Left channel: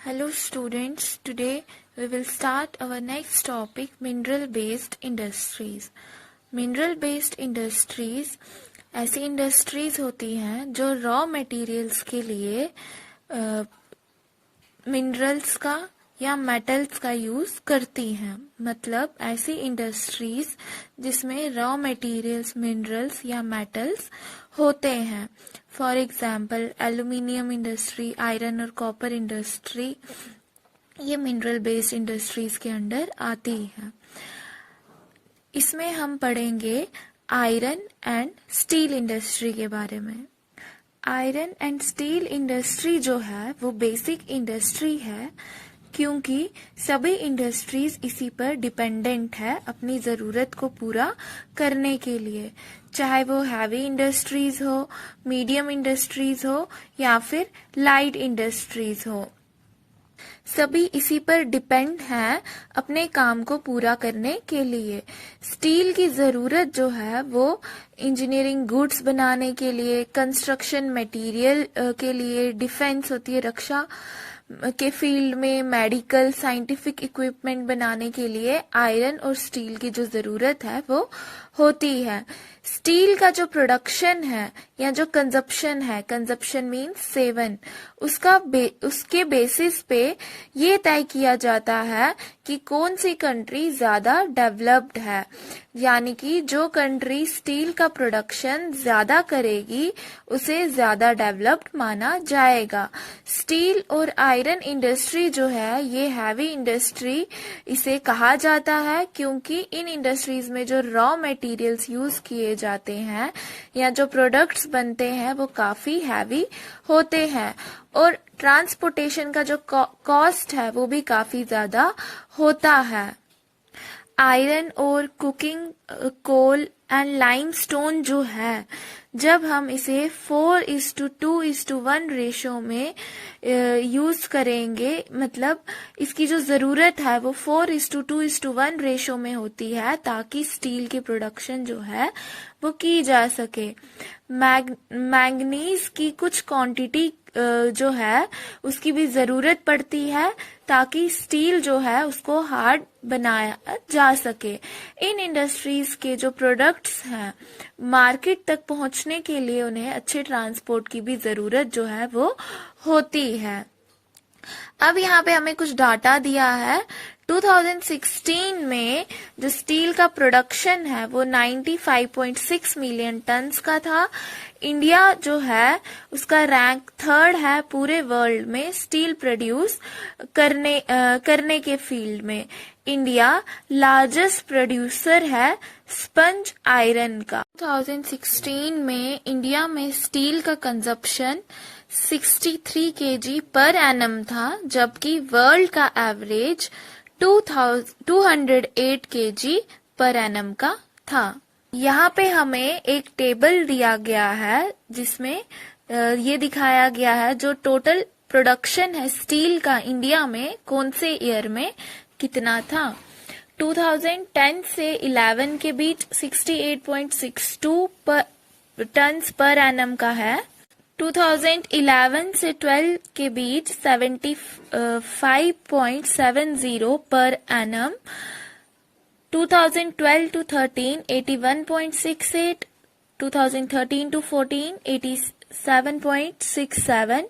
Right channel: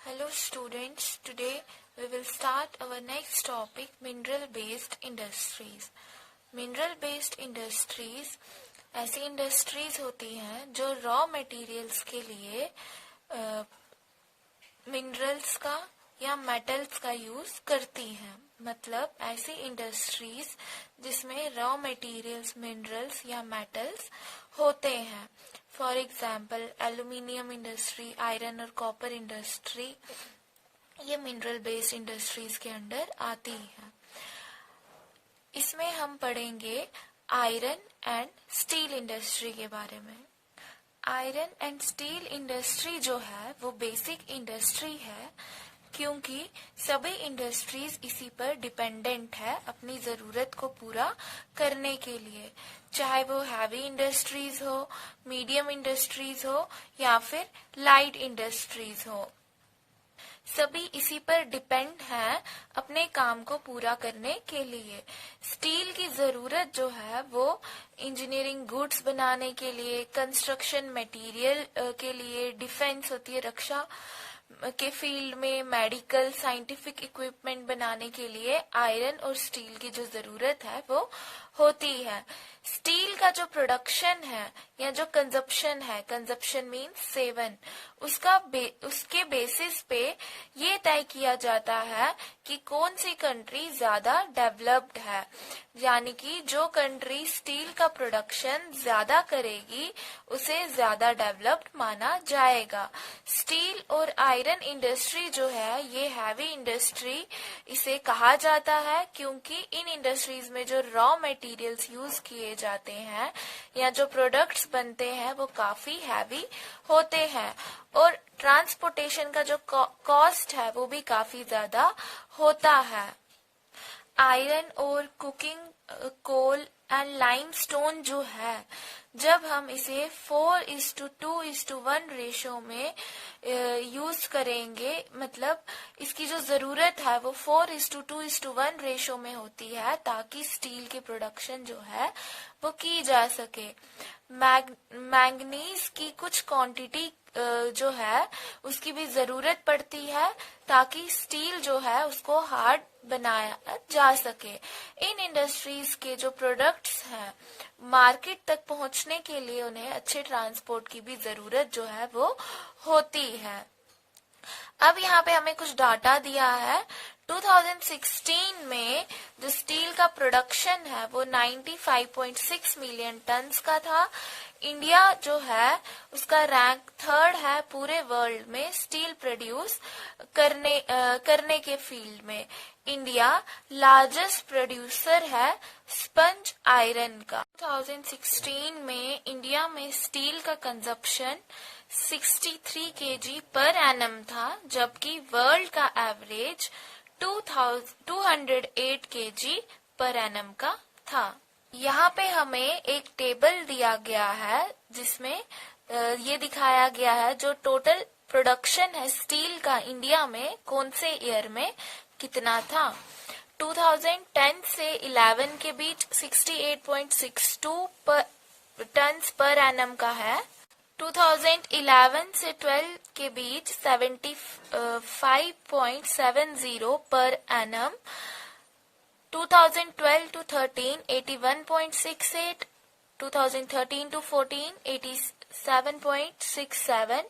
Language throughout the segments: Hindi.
Hello students, today we will start our next topic, mineral based industries. Mineral based industries ऐसी इंडस्ट्रीज होती हैं जो रॉ मटेरियल्स के लिए मिनरल्स का या मेटल्स का यूज करती हैं। मतलब ऐसी इंडस्ट्रीज जिसमें रॉ मटेरियल्स मिनरल्स या मेटल्स होते हैं। For example aluminium industry, iron और कॉपर इंडस्ट्री, ये मिनरल बेस्ड इंडस्ट्रीज के अंडर आती है। इसमें हम पढ़ेंगे आयरन एंड स्टील इंडस्ट्री के बारे में। आयरन एंड स्टील इंडस्ट्री जो है वो बेसिक इंडस्ट्री है, क्योंकि सभी इंडस्ट्रीज इसी पर डिपेंडेंट है अपनी ज़रूरत को पूरा करने के लिए, चाहे वो हैवी इंडस्ट्रीज हो, मीडियम इंडस्ट्रीज हो या फिर लाइट इंडस्ट्रीज हो। सभी इसी पर डिपेंड हैं अपने काम को पूरा करने के लिए। स्टील की ज़रूरत जो है वो इंजीनियरिंग गुड्स बनाने के लिए, कंस्ट्रक्शन मटेरियल के लिए, डिफेंस होती है रक्षा के फील्ड में, मेडिकल साइंटिफिक इक्विपमेंट बनाने के लिए आयरन और स्टील की जो ज़रूरत है वो होती है। स्टील का जो प्रोडक्शन है या जो कंजप्शन है, कंजप्शन मीन्स सेवन, उसके बेसिस पे ये तय किया जाता है कि कौन सी कंट्री ज़्यादा डेवलप्ड है। यानी कि जो कंट्री स्टील का प्रोडक्शन ज़्यादा करेगी उसे ज़्यादा डेवलप्ड माना जाएगा। स्टील और आयरन इंडस्ट्री जो है ये हैवी इंडस्ट्री इसे कहा जाता है, क्योंकि इन इंडस्ट्रीज में जो रॉ मटेरियल्स यूज़ किए जाते हैं या जो प्रोडक्ट्स बनते हैं वो काफ़ी हैवी होते हैं और ट्रांसपोर्टेशन का जो कॉस्ट है वो भी काफ़ी ज़्यादा होता है। आयरन और कुकिंग कोल एंड लाइमस्टोन जो है, जब हम इसे 4:2:1 रेशो में यूज करेंगे, मतलब इसकी जो ज़रूरत है वो 4:2:1 रेशो में होती है ताकि स्टील की प्रोडक्शन जो है वो की जा सके। मैंगनीज की कुछ क्वांटिटी जो है उसकी भी ज़रूरत पड़ती है ताकि स्टील जो है उसको हार्ड बनाया जा सके। इन इंडस्ट्रीज के जो प्रोडक्ट्स हैं मार्केट तक पहुंचने के लिए उन्हें अच्छे ट्रांसपोर्ट की भी ज़रूरत जो है वो होती है। अब यहाँ पे हमें कुछ डाटा दिया है। 2016 में जो स्टील का प्रोडक्शन है वो 95.6 मिलियन टन्स का था। इंडिया जो है उसका रैंक 3rd है पूरे वर्ल्ड में स्टील प्रोड्यूस करने के फील्ड में। इंडिया लार्जेस्ट प्रोड्यूसर है स्पंज आयरन का। 2016 में इंडिया में स्टील का कंजप्शन 63 kg पर एनम था, जबकि वर्ल्ड का एवरेज 208 kg पर एनम का था। यहाँ पे हमें एक टेबल दिया गया है जिसमें ये दिखाया गया है जो टोटल प्रोडक्शन है स्टील का इंडिया में कौन से ईयर में कितना था। 2010 से 11 के बीच 68.62 टन्स पर एनम का है। 2011 से 12 के बीच 75.70 per annum. 2012 to 13 81.68, 2013 to 14 87.67,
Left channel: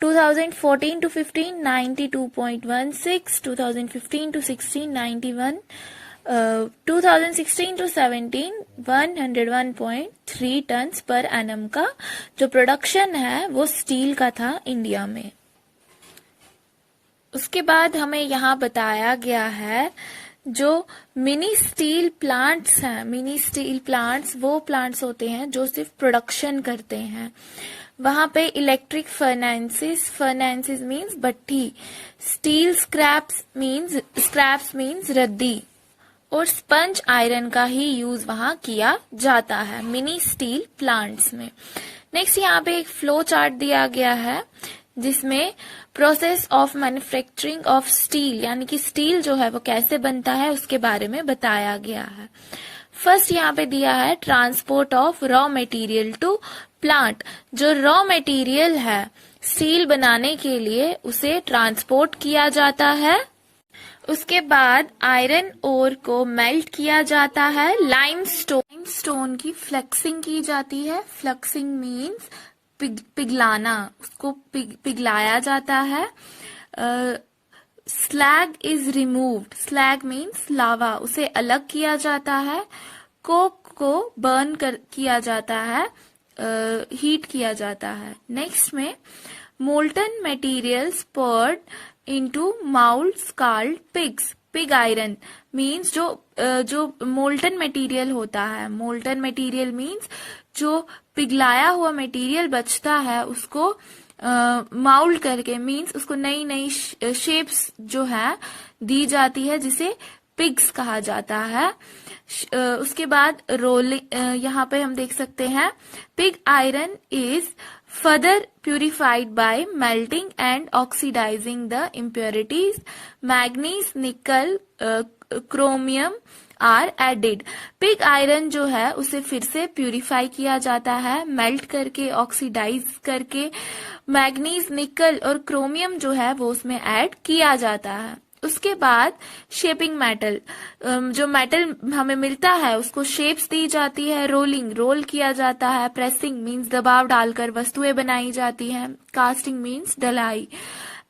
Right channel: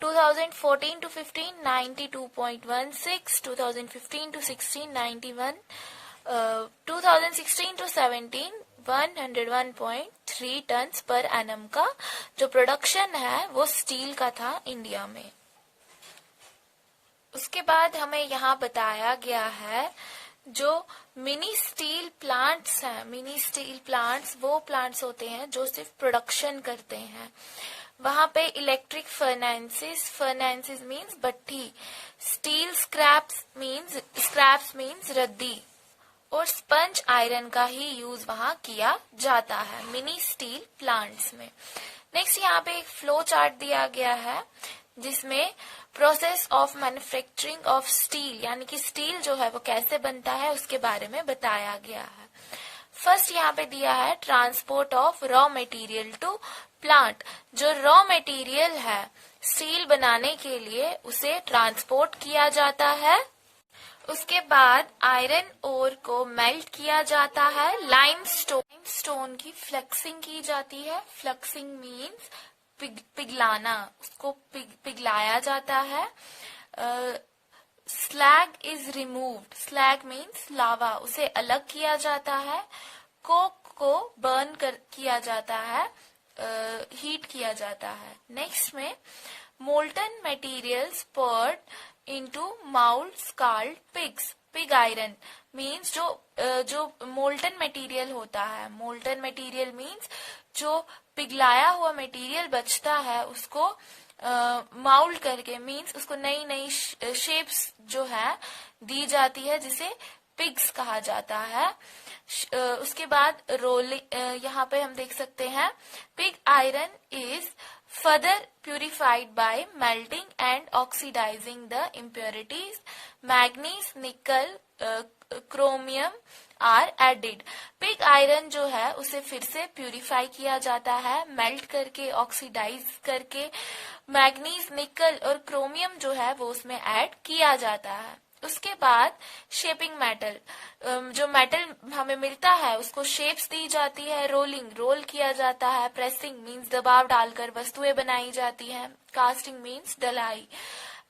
2014 to 15 92.16, 2015 to 16 91, 2016 to 17 101.3 turns per annum का जो प्रोडक्शन है वो स्टील का था इंडिया में। उसके बाद हमें यहाँ बताया गया है जो मिनी स्टील प्लांट्स हैं। मिनी स्टील प्लांट्स वो प्लांट्स होते हैं जो सिर्फ प्रोडक्शन करते हैं। वहाँ पे इलेक्ट्रिक फर्नेसेस मीन्स भट्ठी, स्टील स्क्रैप्स मीन्स रद्दी और स्पंज आयरन का ही यूज वहाँ किया जाता है मिनी स्टील प्लांट्स में। नेक्स्ट यहाँ पे एक फ्लो चार्ट दिया गया है जिसमें process of manufacturing of steel, यानी कि स्टील जो है वो कैसे बनता है उसके बारे में बताया गया है। फर्स्ट यहाँ पे दिया है transport of raw material to plant. जो रॉ मटेरियल है स्टील बनाने के लिए उसे ट्रांसपोर्ट किया जाता है। उसके बाद आयरन ओर को मेल्ट किया जाता है। लाइमस्टोन की फ्लेक्सिंग की जाती है। फ्लेक्सिंग मीन्स पिघलाना, उसको पिघलाया जाता है। Slag is removed. Slag means lava, उसे अलग किया जाता है। कोक को बर्न किया जाता है, हीट किया जाता है। नेक्स्ट में molten materials poured into molds called pigs. Pig iron means जो मोल्टन मटेरियल होता है। मोल्टन मटेरियल मीन्स जो पिघलाया हुआ मटेरियल बचता है उसको माउल्ड करके मीन्स उसको नई नई शेप्स जो है दी जाती है, जिसे पिग्स कहा जाता है। उसके बाद रोलिंग, यहाँ पे हम देख सकते हैं pig iron is further purified by melting and oxidising the impurities. Manganese, nickel, chromium are added. Pig iron जो है उसे फिर से प्यूरिफाई किया जाता है, मेल्ट करके, ऑक्सीडाइज करके। मैग्नीज, निकल और क्रोमियम जो है वो उसमें ऐड किया जाता है। उसके बाद शेपिंग मेटल, जो मेटल हमें मिलता है उसको शेप्स दी जाती है। रोलिंग, रोल किया जाता है। प्रेसिंग मीन्स दबाव डालकर वस्तुएं बनाई जाती हैं। कास्टिंग मीन्स डलाई।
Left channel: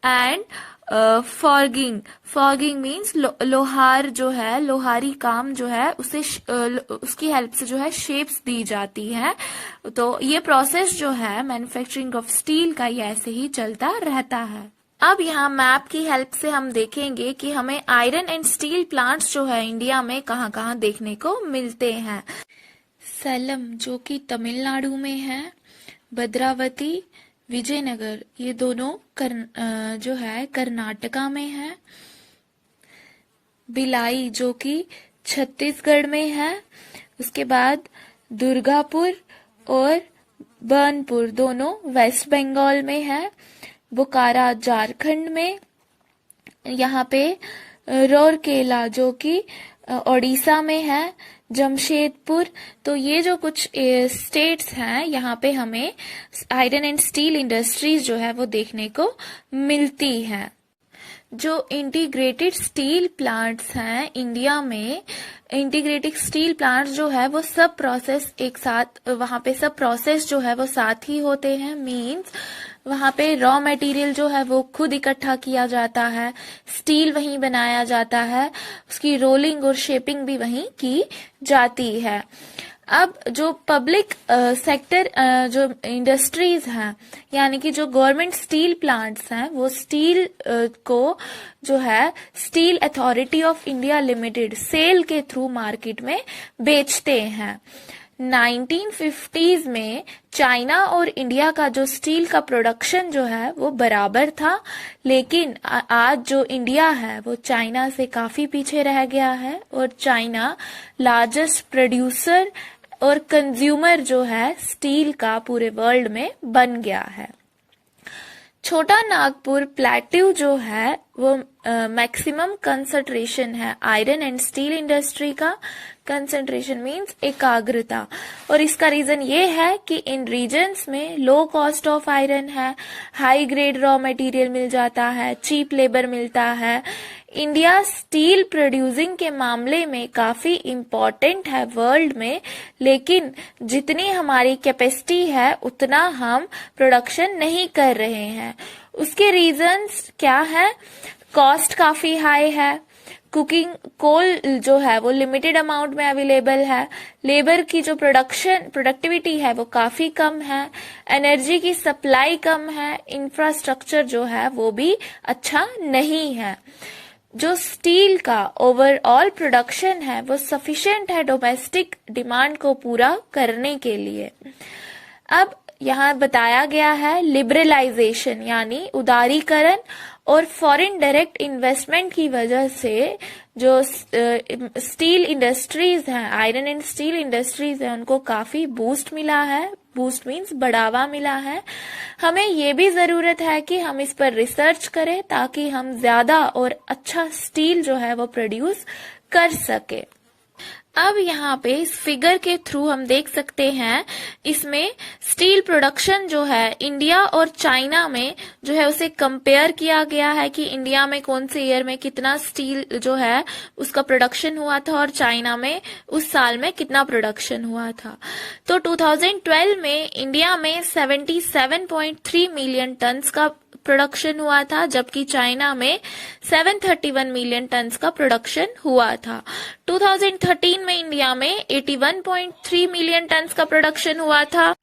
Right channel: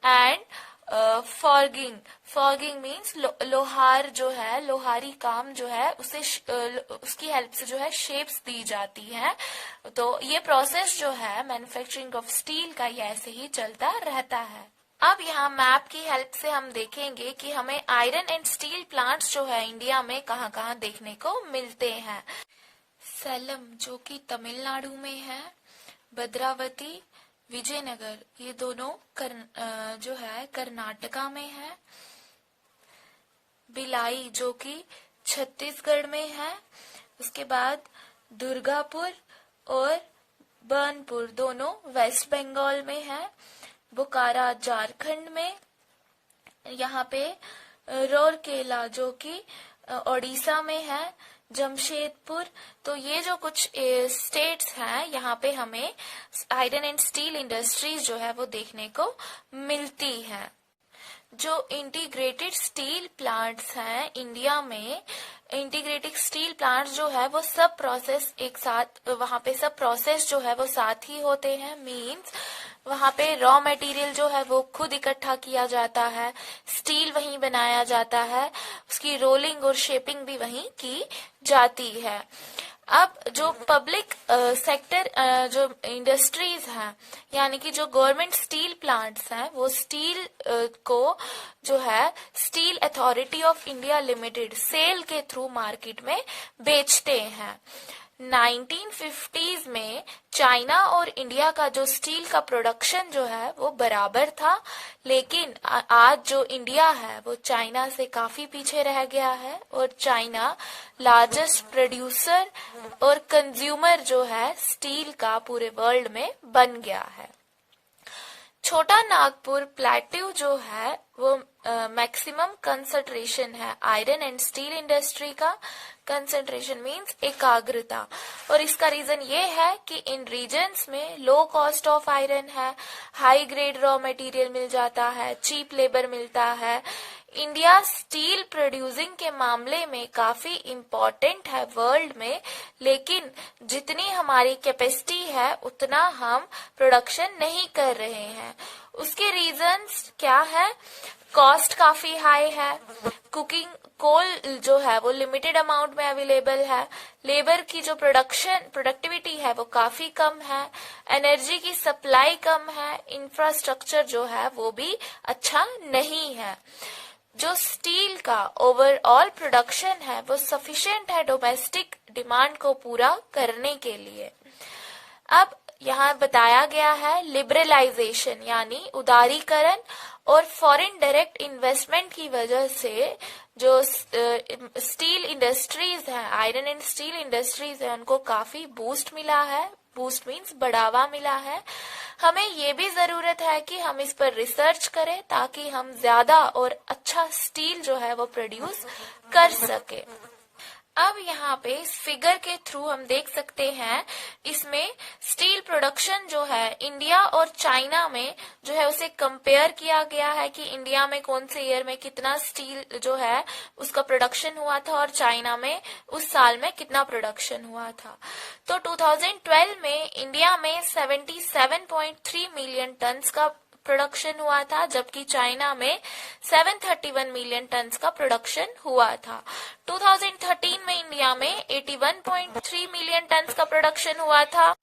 एंड फॉगिंग, फॉगिंग मीन्स लोहार जो है, लोहारी काम जो है उसे उसकी हेल्प से जो है शेप्स दी जाती है। तो ये प्रोसेस जो है मैन्युफैक्चरिंग ऑफ स्टील का ये ऐसे ही चलता रहता है। अब यहाँ मैप की हेल्प से हम देखेंगे कि हमें आयरन एंड स्टील प्लांट्स जो है इंडिया में कहाँ कहाँ देखने को मिलते हैं। सैलम जो कि तमिलनाडु में है, भद्रावती, विजयनगर ये दोनों जो है कर्नाटका में है। भिलाई जो कि छत्तीसगढ़ में है। उसके बाद दुर्गापुर और बर्नपुर दोनों वेस्ट बंगाल में है। बोकारा झारखंड में। यहाँ पे रौरकेला जो कि ओडिशा में है। जमशेदपुर। तो ये जो कुछ स्टेट्स हैं यहाँ पे हमें आयरन एंड स्टील इंडस्ट्रीज जो है वो देखने को मिलती हैं। जो इंटीग्रेटेड स्टील प्लांट्स हैं इंडिया में, इंटीग्रेटेड स्टील प्लांट्स जो है वो सब प्रोसेस एक साथ, वहाँ पे सब प्रोसेस जो है वो साथ ही होते हैं। मीन्स वहाँ पे रॉ मटेरियल जो है वो खुद इकट्ठा किया जाता है, स्टील वहीं बनाया जाता है, उसकी रोलिंग और शेपिंग भी वहीं की जाती है। अब जो पब्लिक सेक्टर जो इंडस्ट्रीज हैं यानी कि जो गवर्नमेंट स्टील प्लांट्स हैं वो स्टील को जो है steel authority of India limited SAIL के थ्रू मार्केट में बेचते हैं। 1950s में चाइना और इंडिया का जो स्टील का प्रोडक्शन जो है वो बराबर था, लेकिन आज जो इंडिया है वो चाइना से काफी पीछे रह गया है और चाइना लार्जेस्ट प्रोड्यूसर और कंज्यूमर जो है स्टील का पूरे वर्ल्ड में बन गया है। छोटा नागपुर प्लेट्यू जो है वो मैक्सिमम कंसंट्रेशन है आयरन एंड स्टील इंडस्ट्री का। कंसंट्रेशन मींस एकाग्रता, और इसका रीजन ये है कि इन रीजन्स में लो कॉस्ट ऑफ आयरन है, हाई ग्रेड रॉ मटेरियल मिल जाता है, चीप लेबर मिलता है। इंडिया स्टील प्रोड्यूसिंग के मामले में काफी इम्पोर्टेंट है वर्ल्ड में, लेकिन जितनी हमारी कैपेसिटी है उतना हम प्रोडक्शन नहीं कर रहे हैं। उसके रीजंस क्या है? कॉस्ट काफी हाई है, कुकिंग कोल जो है वो लिमिटेड अमाउंट में अवेलेबल है, लेबर की जो प्रोडक्टिविटी है वो काफी कम है, एनर्जी की सप्लाई कम है, इंफ्रास्ट्रक्चर जो है वो भी अच्छा नहीं है। जो स्टील का ओवरऑल प्रोडक्शन है वो सफिशिएंट है डोमेस्टिक डिमांड को पूरा करने के लिए। अब यहाँ बताया गया है लिबरलाइजेशन यानी उदारीकरण और फॉरेन डायरेक्ट इन्वेस्टमेंट की वजह से जो स्टील इंडस्ट्रीज हैं, आयरन एंड स्टील इंडस्ट्रीज हैं, उनको काफी बूस्ट मिला है। बूस्ट मीन्स बढ़ावा मिला है। हमें ये भी जरूरत है कि हम इस पर रिसर्च करें ताकि हम ज्यादा और अच्छा स्टील जो है वो प्रोड्यूस कर सके। अब यहाँ पे इस फिगर के थ्रू हम देख सकते हैं, इसमें स्टील प्रोडक्शन जो है इंडिया और चाइना में जो है उसे कंपेयर किया गया है कि इंडिया में कौन से ईयर में कितना स्टील जो है उसका प्रोडक्शन हुआ था और चाइना में उस साल में कितना प्रोडक्शन हुआ था। तो 2012 में इंडिया में 77.3 मिलियन टन्स का प्रोडक्शन हुआ था, जबकि चाइना में 731 मिलियन टन्स का प्रोडक्शन हुआ था। 2013 में इंडिया में 81.3 मिलियन टन्स का प्रोडक्शन हुआ था,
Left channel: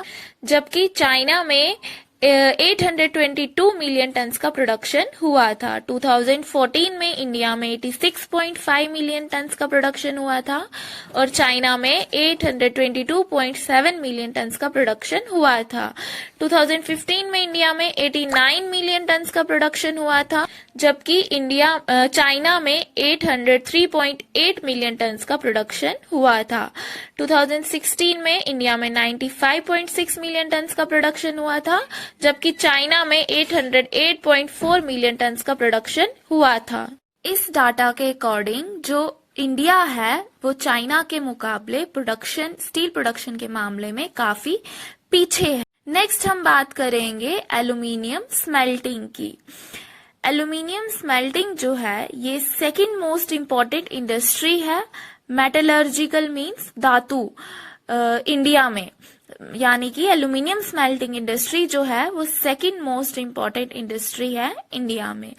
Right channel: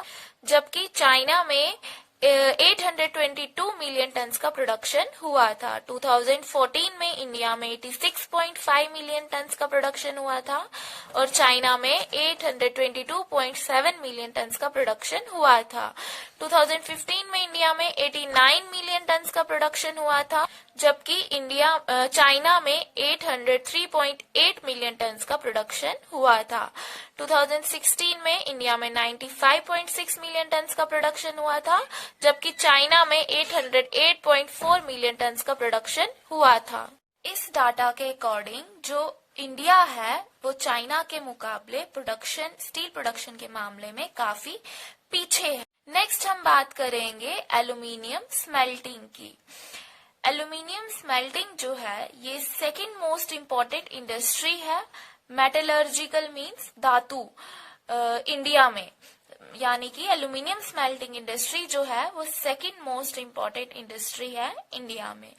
जबकि चाइना में 822 मिलियन टन्स का प्रोडक्शन हुआ था। 2014 में इंडिया में 86.5 मिलियन टन्स का प्रोडक्शन हुआ था और चाइना में 822.7 मिलियन टन्स का प्रोडक्शन हुआ था। 2015 में इंडिया में 89 मिलियन टन्स का प्रोडक्शन हुआ था, जबकि चाइना में 803.8 मिलियन टन्स का प्रोडक्शन हुआ था। 2016 में इंडिया में 95.6 मिलियन टन्स का प्रोडक्शन हुआ था, जबकि चाइना में 808.4 मिलियन टन्स का प्रोडक्शन हुआ था। इस डाटा के अकॉर्डिंग जो इंडिया है वो चाइना के मुकाबले स्टील प्रोडक्शन के मामले में काफी पीछे है। नेक्स्ट हम बात करेंगे एल्यूमिनियम स्मेल्टिंग की। एल्यूमिनियम स्मेल्टिंग जो है ये सेकंड मोस्ट इम्पोर्टेंट इंडस्ट्री है, मेटलर्जिकल मींस धातु, इंडिया में, यानी कि एल्यूमिनियम स्मेल्टिंग इंडस्ट्री जो है वो सेकंड मोस्ट इम्पोर्टेंट इंडस्ट्री है इंडिया में।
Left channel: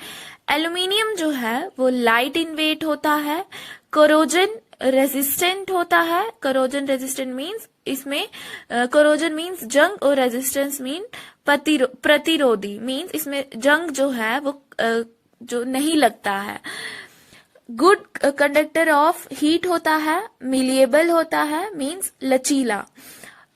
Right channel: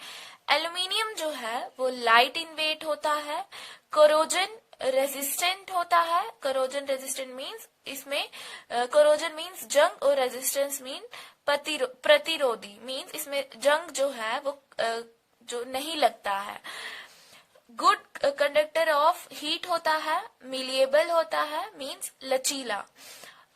एल्यूमिनियम जो है वो लाइट इन वेट होता है, कोरोजन रेजिस्टेंट होता है। कोरोजन रेजिस्टेंट मींस इसमें कोरोजन मींस जंग और रेजिस्टेंस मीन प्रतिरोधी, मींस इसमें जंग जो है वो जो नहीं लगता है। गुड कंडक्टर ऑफ हीट होता है, मिलिएबल होता है मींस लचीला,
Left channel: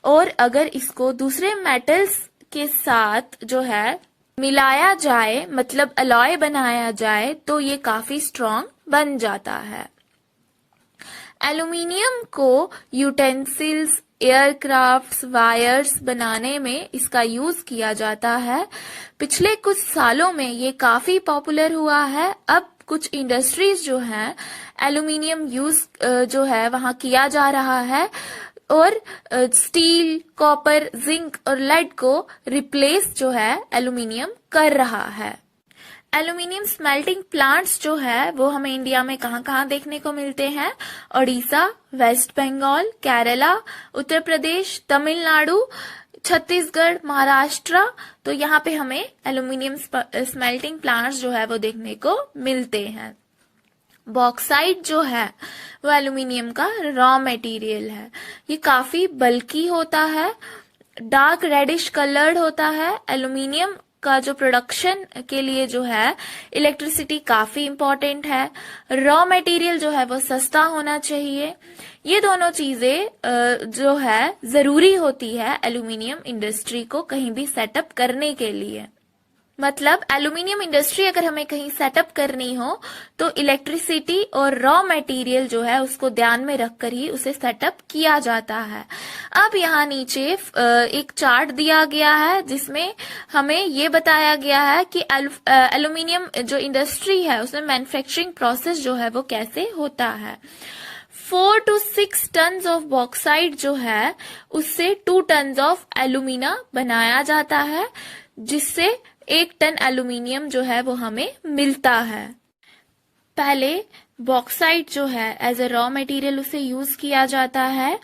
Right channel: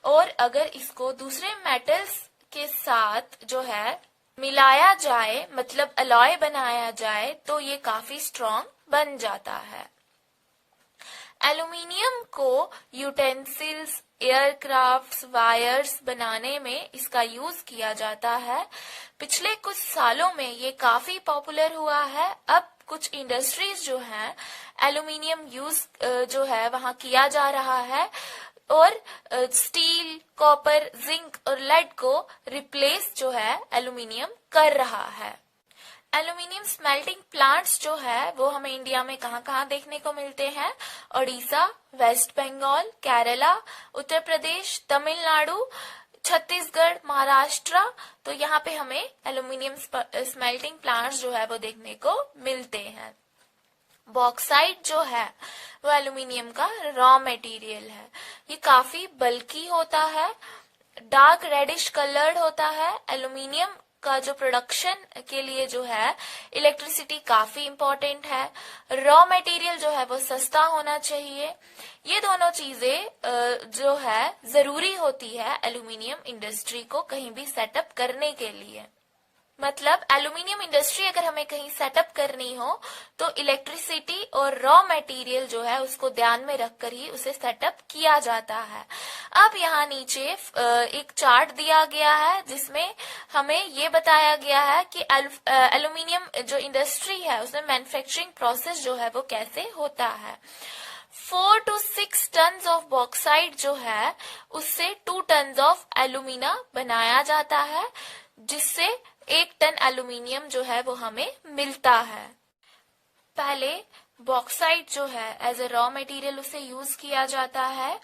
और अगर इसको दूसरे मेटल्स के साथ जो है मिलाया जाए, मतलब अलॉय बनाया जाए, तो ये काफी स्ट्रॉन्ग बन जाता है। एल्यूमिनियम को यूटेंसिल्स, एयरक्राफ्ट्स, वायर्स बनाने में इसका यूज किया जाता है। पिछले कुछ सालों में ये काफी पॉपुलर हुआ है। अब कुछ इंडस्ट्रीज जो हैं एल्यूमिनियम यूज जो है वहां किया जा रहा है और स्टील, कॉपर, जिंक और लेड को रिप्लेस जो है एल्यूमिनियम कर रहा है। एल्यूमिनियम स्मेल्टिंग प्लांट्स जो है वो हमें इंडिया में कहाँ देखने को मिलते हैं? ओडिशा, वेस्ट बंगाल, केरला, उत्तर प्रदेश, तमिलनाडु, छत्तीसगढ़, महाराष्ट्र। तो यहाँ पे हमें एल्यूमिनियम स्मेल्टिंग प्लांट्स जो है वो देखने को मिलते हैं। बॉक्साइट जो है वो एल्यूमिनियम का रॉ मटेरियल है। ये काफी बल्की होता है, डार्क रेडिश कलर्ड होता है। एल्यूमिनियम का जो प्रोडक्शन के लिए जो है इलेक्ट्रिसिटी काफी इम्पोर्टेंट है। रॉ मटेरियल जो है वो सस्ता होना चाहिए। ये दोनों चीजें जो है जरूरी होती है एल्यूमिनियम इंडस्ट्री को कहीं भी सेटअप करने के लिए। मतलब एल्यूमिनियम इंडस्ट्री अगर हमें कहीं सेटअप करनी हो तो इलेक्ट्रिसिटी और रॉ मटेरियल जो है उसको ध्यान में रखकर ही उसे सेटअप किया जाता है। अब यहाँ नीचे एक चार्ट दिया गया है जिसमें हमें ये बताया गया है कि एल्यूमिनियम जो इंडस्ट्री है उसमें मैन्युफैक्चरिंग प्रोसेस जो है वो कैसे होता है। 4 to 6 टन्स ऑफ बॉक्साइट जो है उससे 2 टन्स ऑफ एल्यूमिना बनाया जाता है, जिससे 1 टन एल्यूमिनियम जो है वो हमें मिलता है। पहले बॉक्साइट जो है एज ए रॉ मटेरियल उसे यूज किया जाता है।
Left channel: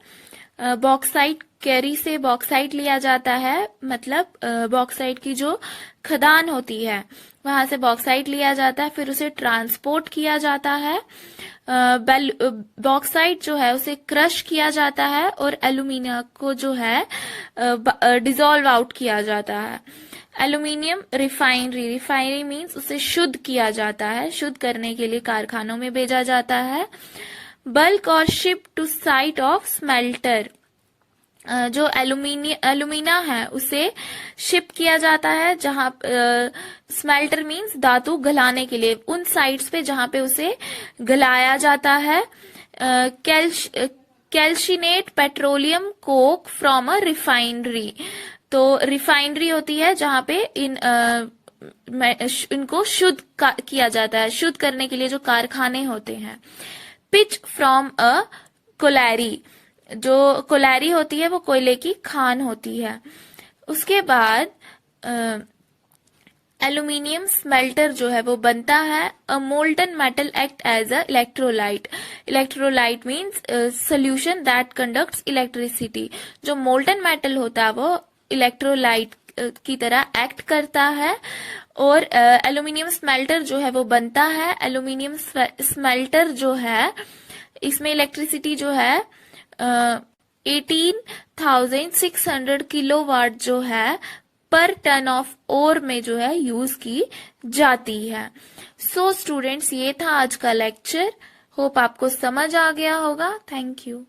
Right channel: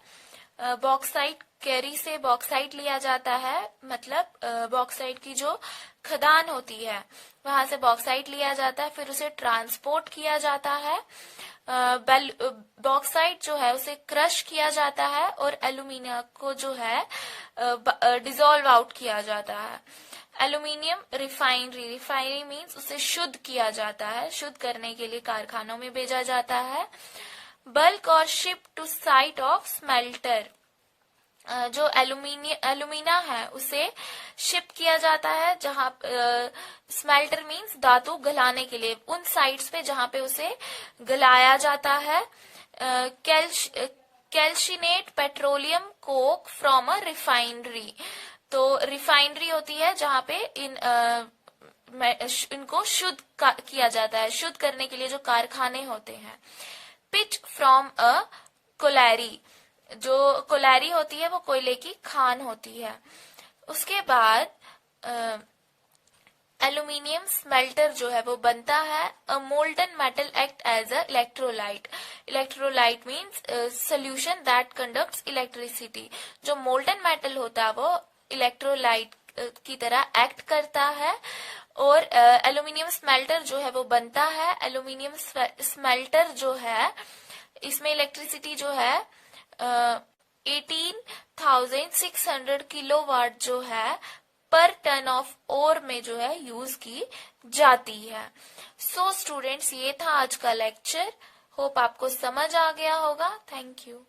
बॉक्साइट कैरी से बॉक्साइट लिया जाता है, मतलब बॉक्साइट की जो खदान होती है वहां से बॉक्साइट लिया जाता है, फिर उसे ट्रांसपोर्ट किया जाता है। बॉक्साइट जो है उसे क्रश किया जाता है और एल्यूमिना को जो है डिसॉल्व आउट किया जाता है। एल्यूमिनियम रिफाइनरी मीन्स उसे शुद्ध किया जाता है, शुद्ध करने के लिए कारखानों में भेजा जाता है। बल्क और ship to site of smelter, जो एल्यूमिना है उसे शिप किया जाता है जहां स्मेल्टर मीन्स धातु गलाने के लिए, उन साइट्स पे जहां पे उसे गलाया जाता है। Calcinated petroleum coke from a refinery, तो रिफाइनरी होती है जहां पे इनको शुद्ध किया जाता है, शुद्ध करने के लिए जो कारखाने होते हैं। पिच फ्रॉम अ कोलैरी, जो कोलैरी होती है वो कोयले की खान होती है। उसके बाद एल्यूमिनियम स्मेल्टर जो है वो बनता है। A molten metal act as a electrolyte. Electrolyte means solution that conducts electricity. जो मोल्टन मेटल होता है वो इलेक्ट्रोलाइट की तरह एक्ट करता है। और एल्यूमिनियम स्मेल्टर जो है वो बनता है। एल्यूमिनियम स्मेल्टर जो है इसमें इलेक्ट्रिसिटी जो है 18,600 किलोवाट जो है पर टन ऑफ ओर में जो है यूज की जाती है। सो स्टूडेंट्स, ये था आज का लेक्चर। होप आपको समझ आ गया होगा। Thank you.